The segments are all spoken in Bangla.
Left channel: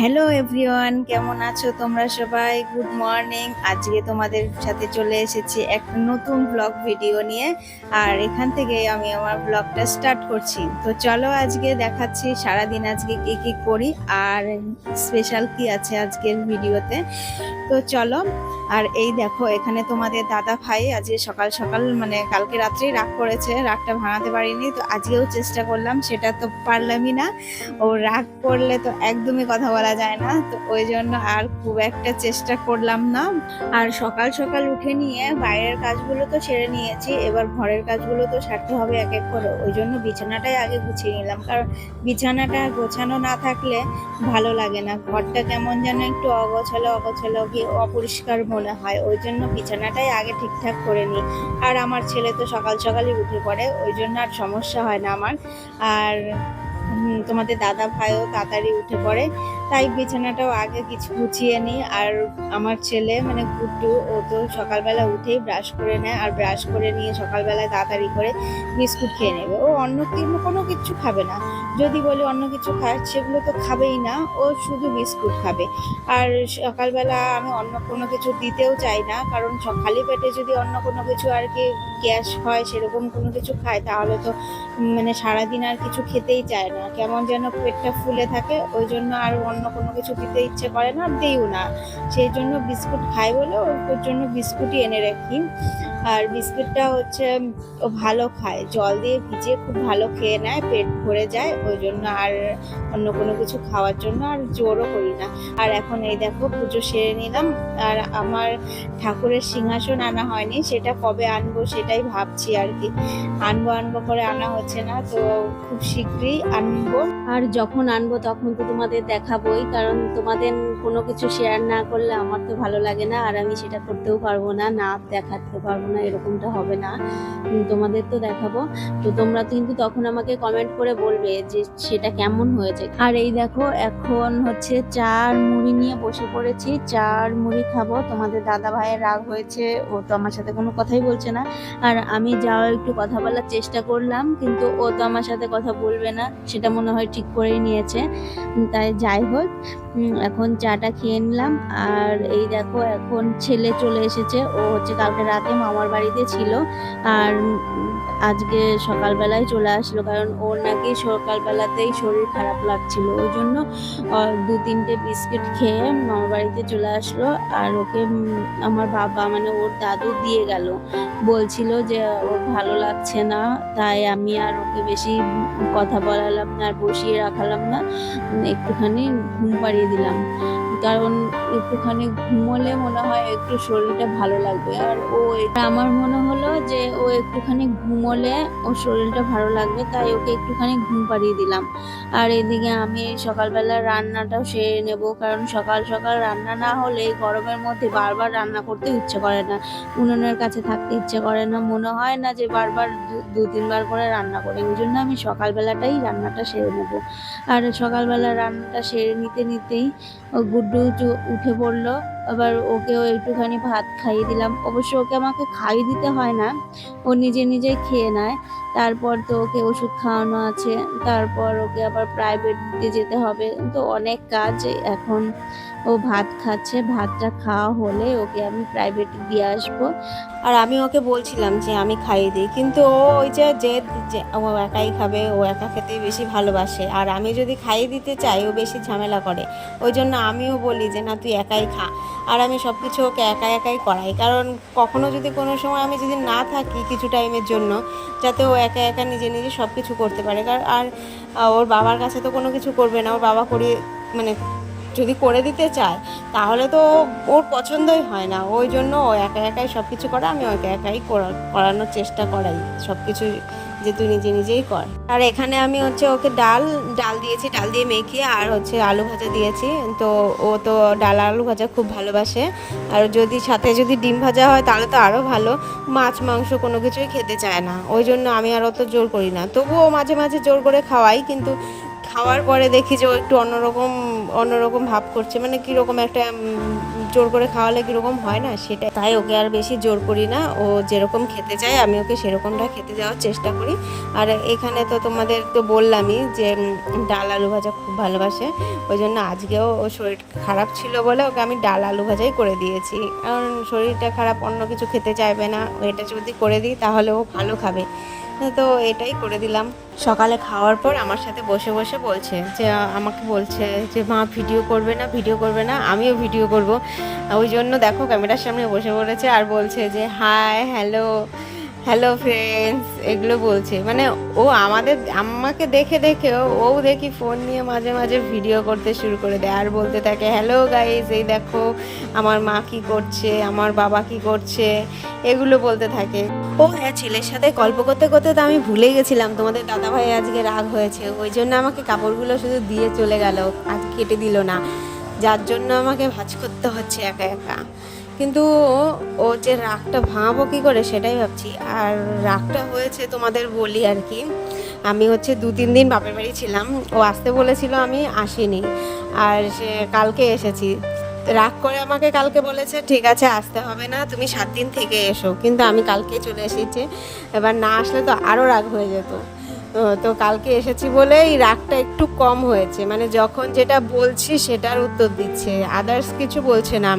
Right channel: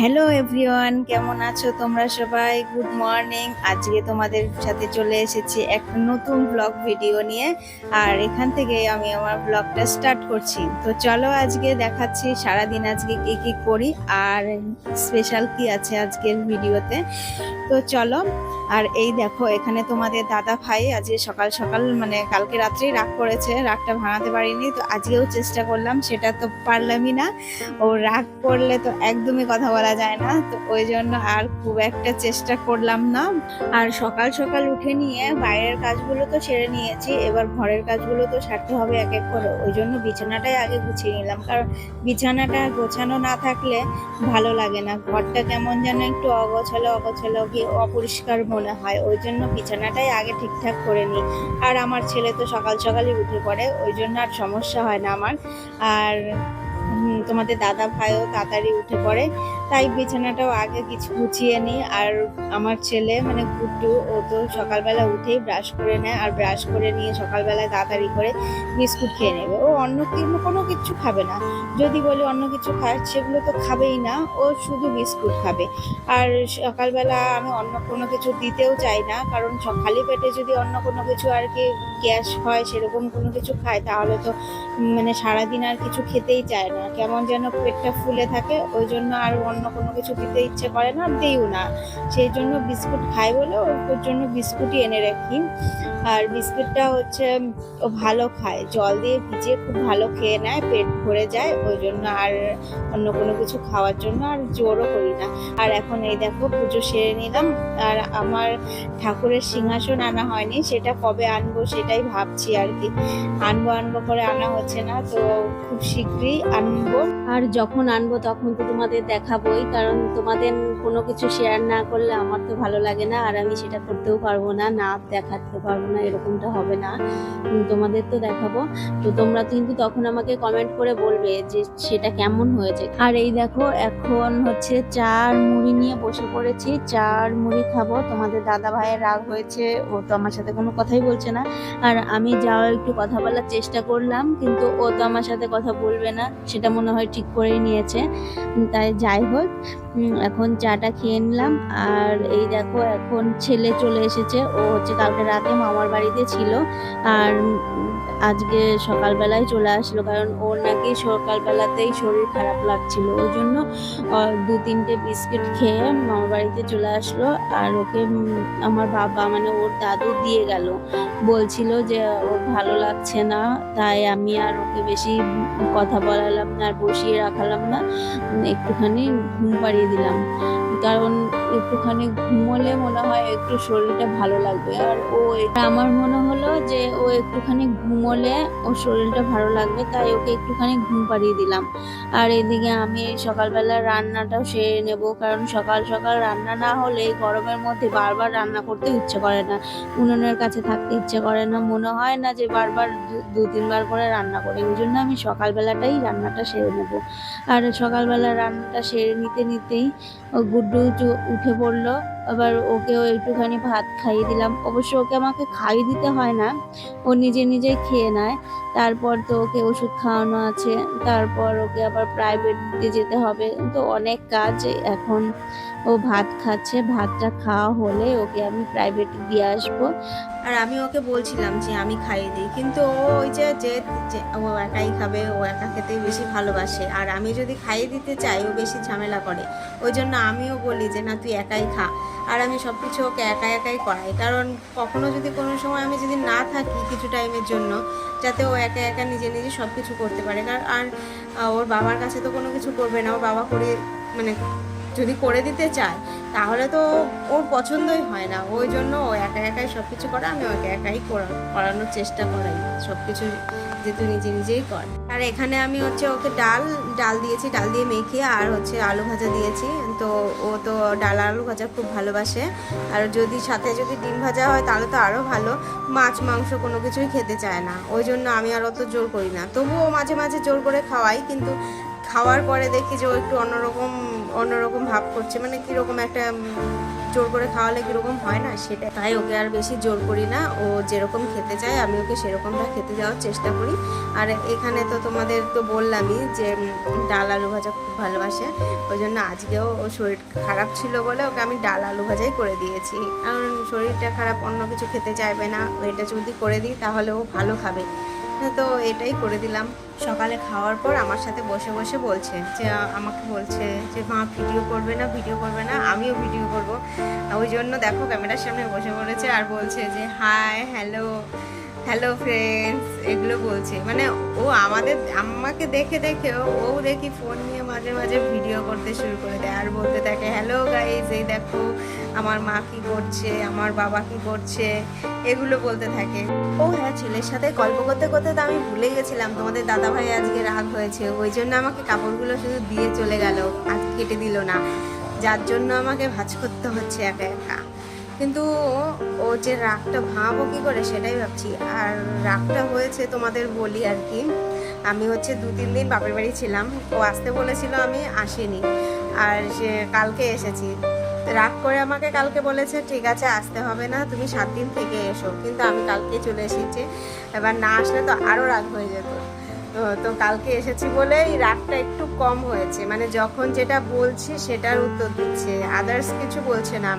হ্যালো এভরিওয়ান, কেমন আছো তোমরা সবাই? Good morning. আজকে তোমাদের সাথে চলে এসেছি একটা নতুন ব্লগ ভিডিও নিয়ে, আর এখান থেকে আমি আমার ব্লগটা স্টার্ট করছি। তো চলো আজকে দেখাচ্ছি সারাদিন আজকে কি কি করি আর স্পেশাল কি আছে আজকের ভিডিওতে। তো চলো। আর এই দেখো, এখানে তোমাদের দাদা ভাই আজকে সকাল সকাল মানে কালকে রাত্রেই রাগ করেছে, রাগটা ভাঙাতে পারিনি, তো আজকেও চেষ্টা করলাম, সেটা তো পারলামই না। ও রাগ করলে তো একদমই কথা বলা যায় না, তো ওই জন্য আর খুব একটা চেষ্টা করলাম না। আর সকাল সকাল উঠে নিয়ে বাইরের কাজগুলো তো সেরে নিয়েছি, এবার ঘরের কাজগুলো তো সারতে হবে এক এক করে। ওই জন্য বিছানাটাই আগে গুছিয়ে নিলাম, কারণ বিছানাটা গোছানো না থাকলে ভালো লাগে না, ঘরটা কেমন যেন একটু অগোছালো অগোছালো কি অপরিষ্কার মনে হয়। ওই জন্য বিছানাটাই আগে ঠিকঠাক করে নিই। আর আমার ছেলে তো সকাল সকালই উঠে পড়ে, ওই জন্য আর সমস্যা হয় না আমার। আর তোমাদের দাদা ভাইও তাড়াতাড়ি উঠে পড়ে, তাই বিছানাটাও আগে কিছু গুছিয়ে নিই। আর আমার ছেলে মানে গুড্ডু, ও তো সকালবেলা উঠেই ব্রাশ করে নেয়, আর ব্রাশ করে নিয়ে সকালবেলায় তাড়াতাড়ি করে বিস্কুট খেয়ে নেবে। ও অন্য কোনো কিছু খাবে না, যদি বলি অন্য কিছু খায় সেগুলো তো খাবেই না, ও শুধু বিস্কুট খাবে। আর সকালবেলা আমি অন্য কোনো কিছু দিতেও চাই না, কারণ খালি পেটে যদি অন্য কোনো কিছু আর কি গ্যাস হয় সেরকম কোনো কিছু খায়, তাহলে তো মানে সারাদিন আর কিছু খেতেই চায় না, কেমন যেন পেটটা ফুলে থাকে। ওই জন্য আর অন্য কোনো কিছু দিতে ইচ্ছে করে না, দিইও না। সেই জন্য বিস্কুট খাই বলে ওর জন্য বিস্কুটই এনে রাখি। আর বিস্কুটটা হচ্ছে ও ভালো খায়, জল দিয়ে ভিজিয়ে খুব ভালো খেয়ে নেয়, পেট ভরে যায়। ওই জন্য আর অন্য কোনো কিছু খাওয়ার জন্য আর জোরও করি না। আর এখন এই দেখো পুজো সেরে নিলাম। আর আমার ঠাকুরের সিংহাসন আনা হয়নি, সেটা কবে আনবো সেটাই ভাবছি আর কি। আনবো আনবো করে আনা হচ্ছে না, তো খুব শীঘ্রই আনবো। আর যখন আনবো তখন তো তোমাদের দেখাবোই, কারণ তোমাদের কোনো কিছু শেয়ার না করলে আমার তো ভালো লাগে না, আর আমি সেটা করতেও পারবো না, না দেখাতে পারবো না, এরকমটা হবে না। তোমাদের তো দেখাবো, তো তোমরা কিন্তু তখন আমাকে কমেন্ট করে বলবে যে সেটা কেমন হয়েছে। আর এই দেখো এখন হচ্ছে চা আর মুড়ি নিয়ে বসে পড়েছি, চা আর মুড়ি খাবো। তোমাদের দাদা ভাইয়ের রাগ হয়েছে, ও তো আমার সাথে কোনো কথাই বলছে না। আর আমি যাও একটু কথা বলার চেষ্টা করলাম, কিন্তু ও তো আমার সাথে কথা বলবে না, সেটা মনে হয় ঠিক করেই নিয়েছে। তাই যাই হোক, এখন চাটা খেয়ে নিলাম। আর এই দেখো এখন ছেলে চলে এসেছে, ও হচ্ছে কালকে রাতে মামার বাড়িতে ছিল, আর আজকে সকালবেলায় চলে আসলো, কারণ ওর নাকি সকালবেলাতেই শরীর খারাপ লাগছিল। ওই জন্য 2-3টে বিস্কিট খেয়ে মামার বাড়িতে চলে আসলো। আর ওকে আমার বাবা মানে ওর দাদু দিয়ে গেল, বলছিল যে ওর ভালো লাগছে না, তাই আমি আর ওকে বেশি কথা বলালাম না আর বসিয়ে রাখালাম না, একটুখানি ঘুম পাড়িয়ে দিলাম, কারণ একটুখানি ঘুমোলে মনে হয় একটু শরীরটা ভালো লাগবে। আর আমার মনে হলো যে ও একটুখানি ঘুমোলে ওর শরীরটা ভালো লাগবে, তাই ওকে একটুখানি ঘুম পাড়িয়ে দিলাম। আর এদিকে আমি সকালবেলা রান্নাটাও সেরে নেব, কারণ সকাল সকাল রান্না না হলে গরমের মধ্যে বারবার রান্না করতে ইচ্ছে করে না, উনুনের কাছে থাকতে ইচ্ছে করে না, মনে হয় না যে বারবার 2-3বার করে রান্না করি। ওই জন্য আমি সকালবেলাটাই রান্নাটা সেরে নেব। আর সকালবেলা রান্নাটা সেরে নিতে নিতেই ও গুড্ডু উঠে পড়লো। আবার ওকেও একটুখানি ভাত খাইয়ে দিলাম, অবশ্য ওকে আমাকে খাইয়ে দিতে হয় না, ও নিজে নিজেই খেয়ে নেয়। তারপর তো ওকে ওষুধ খাওয়ানো আছে, তারপর ওকে আবার প্রাইভেটে যেতে হবে, তো অনেক কাজ। এখন ও ভাত খাচ্ছে, ভাতটা খাওয়া হলে ওকে আমি প্রাইভেটে দিয়ে আসবো। আর আমি ওকে বলছিলাম যে আমি খাইয়ে দিই, কিন্তু ও ওই যে ও একাই খাবে, ও একা খেতেই বেশি ভালোবাসে, আর আমি যদি খাইয়ে দিতে চাই ও বেশি ঝামেলা করে। ওই জন্য আমিও বলি যে না, তুই একাই খা। আর আমি সব কিছু ওকে একাই একাই করাই, কারণ কখনো যদি কোনো সময় আমি যদি না থাকি কিছু টাইমের জন্য, যাতে ও একা একা নিজে নিজে সব কিছু করতে পারে। কারণ আর ওর বাবার কাছে তো কোনো কিছু করবে না, ওর বাবা করে মানে যদি করে দিতে চায় তাহলে তো ওর পছন্দই হয় না। ওই জন্য ও একা একাই সব কিছু করে, আমি ওকে একাই করানোর চেষ্টা করাই সব কিছু, যে তুই নিজে নিজেই কর। আর এখানে আমি হচ্ছে ওকে ডাল ডাল দিয়েছি, ডাল দিয়ে মেখে, আর হচ্ছে আলু ভাজা দিয়েছি। তো ও তো ডাল আলু ভাজা খুব ভালোবাসে, আর যদি সাথে যদি ডিম ভাজা হয় তাহলে তো আরও ভালো। মাছ মাংস কোনো কিছুই খেতে চায় না, ওই জন্য আমি আর অত জোর করি না, তবুও মাঝে মাঝে জোর করে খাওয়াই, কিন্তু খাওয়ার পরে দেখি যে ও একটু অন্যরকম অন্যরকম ভাব করছে, মানে কীরকম একটা জোর করে খাওয়ালে কীরকম হয় না সেটা, তাই ওকে আর বেশি জোর করি না। ও যেরকম খেতে চায় আমি ওকে সেরকমটা খেতে যাওয়ার চেষ্টা করি। আর এখানে তো তোমাদের তো বললামই যে ডাল আলু ভাজা খুব ভালোবাসে, ওই জন্য আজকেও ও শরীর খারাপ ছিল বলে ওকে আমি ডাল আলু ভাজাই করে দিয়েছি। কারণ শরীরটা খারাপ, অন্য কিছু খেতে চাইবে না, এটা যদি করে দিই তাহলে ও ভালো খাবে, তো এটাই করে দিলাম। সকালে খাওয়ার পর আমার সাথে বসে বসে বলছে যে, আমাকে বলছে যে মা ভিডিও করবে না, ভিডিও করবে না, আমিও ভিডিও করব। ওই জন্য দেখো ক্যামেরার সামনে বসে পড়েছে আর বলছে যে হাই, হ্যালো, হ্যালো ফ্রেন্ডস, এগুলো বলছে। মানে ও আমাকে দেখে দেখে ও দেখি ফোন নিয়ে মাঝে মাঝে ভিডিও করতে শুরু করে দেয় আর বলতে থাকে হ্যালো গাইস, এই দেখো আমার মা কি করছে, আমার বাবা কি করছে, এগুলো বলতে থাকে। ও হ্যাঁ, ছেলের সাথে গল্প করতে করতে তো আমি ভুলে গেছিলাম তোমাদের দাদা ভাই আজকে রাগ হয়েছে, ওই জন্য আমাকে কাপড়গুলো শুধু দিয়ে চলে গেল, আজ কেটে দিল না, যার জন্য আমাকে ভাঁজ করতে হচ্ছে একা একা। কিন্তু ও যে রাগটা ভাঙাবো কী করে সেটাই ভাবছি। আর রাগটা হয়েছে তোমাদের বলি আর কি, আমি হচ্ছে 2-3 দিন বাপের বাড়ি ছিলাম, ও আসতে বলেছিল, আমি আসিনি, আর সে কালকে এসেছি। রাগ করে আমাকে কালকে বলেছে ঠিক আছে আসতে হবে না, তুমি 7 দিন থেকে এসো, কিন্তু আমি কালকে চলে এসেছি। এবার না আসলে তো আরও রাগ হয়ে যেত। তো কালকে এসেছি বলে এই রাগটা একটু কম হয়েছে, মানে যখন যেটা বলছি সেটার উত্তর দিচ্ছে, আদার্স কিছু বলছে না।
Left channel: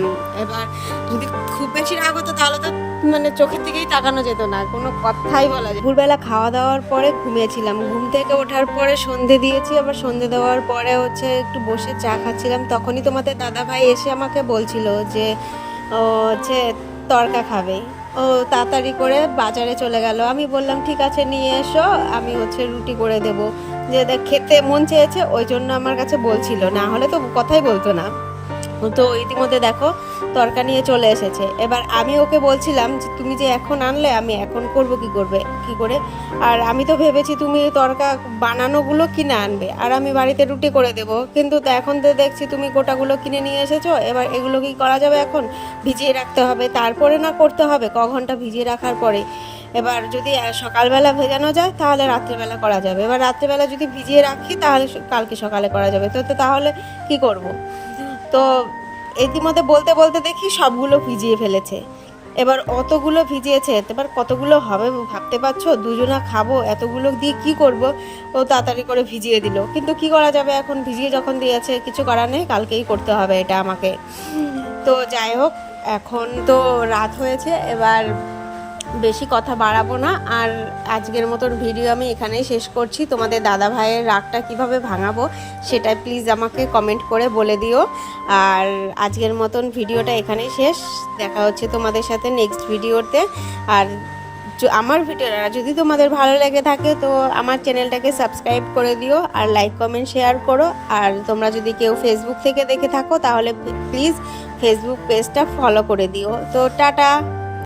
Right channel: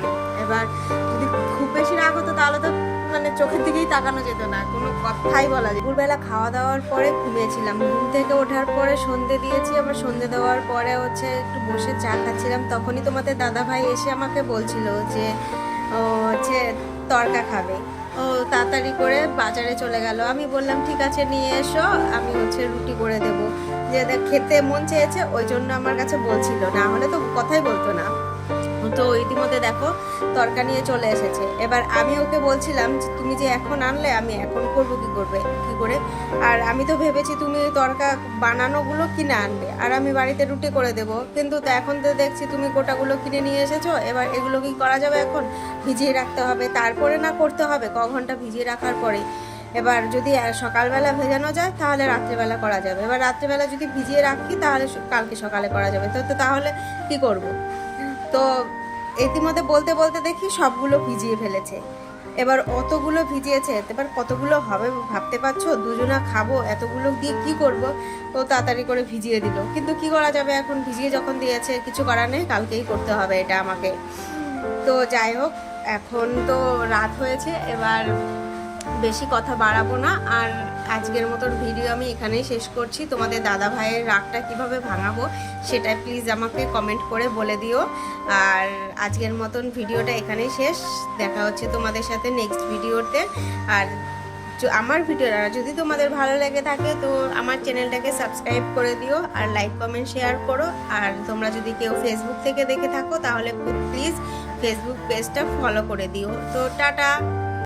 এবার যদি খুব বেশি রাগ হতো তাহলে তো মানে চোখের দিকেই তাকানো যেত না, কোনো কথাই বলা যায়। দুপুরবেলা খাওয়া দাওয়ার পরে ঘুমিয়েছিলাম, ঘুম থেকে ওঠার পরে সন্ধে দিয়েছি, আবার সন্ধে দেওয়ার পরে হচ্ছে একটু বসে চা খাচ্ছিলাম, তখনই তোমাদের দাদা ভাই এসে আমাকে বলছিল যে ও হচ্ছে তড়কা খাবে। ও তাড়াতাড়ি করে বাজারে চলে গেল, আমি বললাম ঠিক আছে নিয়ে এসো, আমি হচ্ছে রুটি করে দেবো, যে খেতে মন চেয়েছে ওই জন্য আমার কাছে বলছিল, না হলে তো কথাই বলতো না। তো ইতিমধ্যে দেখো তরকা নিয়ে চলে এসেছে। এবার আমি ওকে বলছিলাম যে তুমি যে এখন আনলে আমি এখন করবো কি করে, আর আমি তো ভেবেছি তুমি তরকা বানানোগুলো কিনে আনবে আর আমি বাড়িতে রুটি করে দেবো, কিন্তু এখন তো দেখছি তুমি গোটাগুলো কিনে নিয়ে এসেছো। এবার এগুলো কি করা যাবে, এখন ভিজিয়ে রাখতে হবে, তারপরে না করতে হবে ক ঘন্টা ভিজিয়ে রাখার পরে। এবার যদি সকালবেলা ভেজানো যায় তাহলে রাত্রেবেলা করা যাবে, এবার রাত্রেবেলা যদি ভিজিয়ে রাখি তাহলে কালকে সকালে করা যাবে, তো তাহলে কি করব। তো ইতিমধ্যে বলতে বলতে দেখি সবগুলো ভিজিয়ে ফেলেছে। এবার অতগুলো ভিজিয়েছে, এবার কতগুলো হবে ভাবতে পারছো, দুজনা খাবো, এতগুলো দিয়ে কি করব। ও তাড়াতাড়ি করে ভিজিয়ে দিল, কিন্তু কি করা যাবে, এখন ভিজিয়ে যখন দিয়েছে কিছু করার নেই, কালকেই করতে হবে এটা আমাকে। তো যাই হোক, এখন তো রাত হয়েছে, এবার বেশি কথা বাড়াবো না, আর আজকের মতন ভিডিও আমি এখানেই শেষ করছি। তোমাদের দাদা ভাইয়ের রাগটা কিভাবে ভাঙাবো সেটা প্লিজ আমাকে কমেন্ট করে বলে দিও। আর আজকের মতন ভিডিওটা এখানেই শেষ, দেখা হচ্ছে তোমাদের সাথে নেক্সট ভিডিওতে। আর আমার ভিডিওটা যদি তোমাদের ভালো লেগে থাকে তো আমার চ্যানেলটাকে সাবস্ক্রাইব করে দিও, আর লাইক কমেন্ট শেয়ার করো। আর তোমরা যদি কেউ ফেসবুক থেকে দেখে থাকো তাহলে প্লিজ ফেসবুক পেজটা ফলো করে দিও। তো টাটা।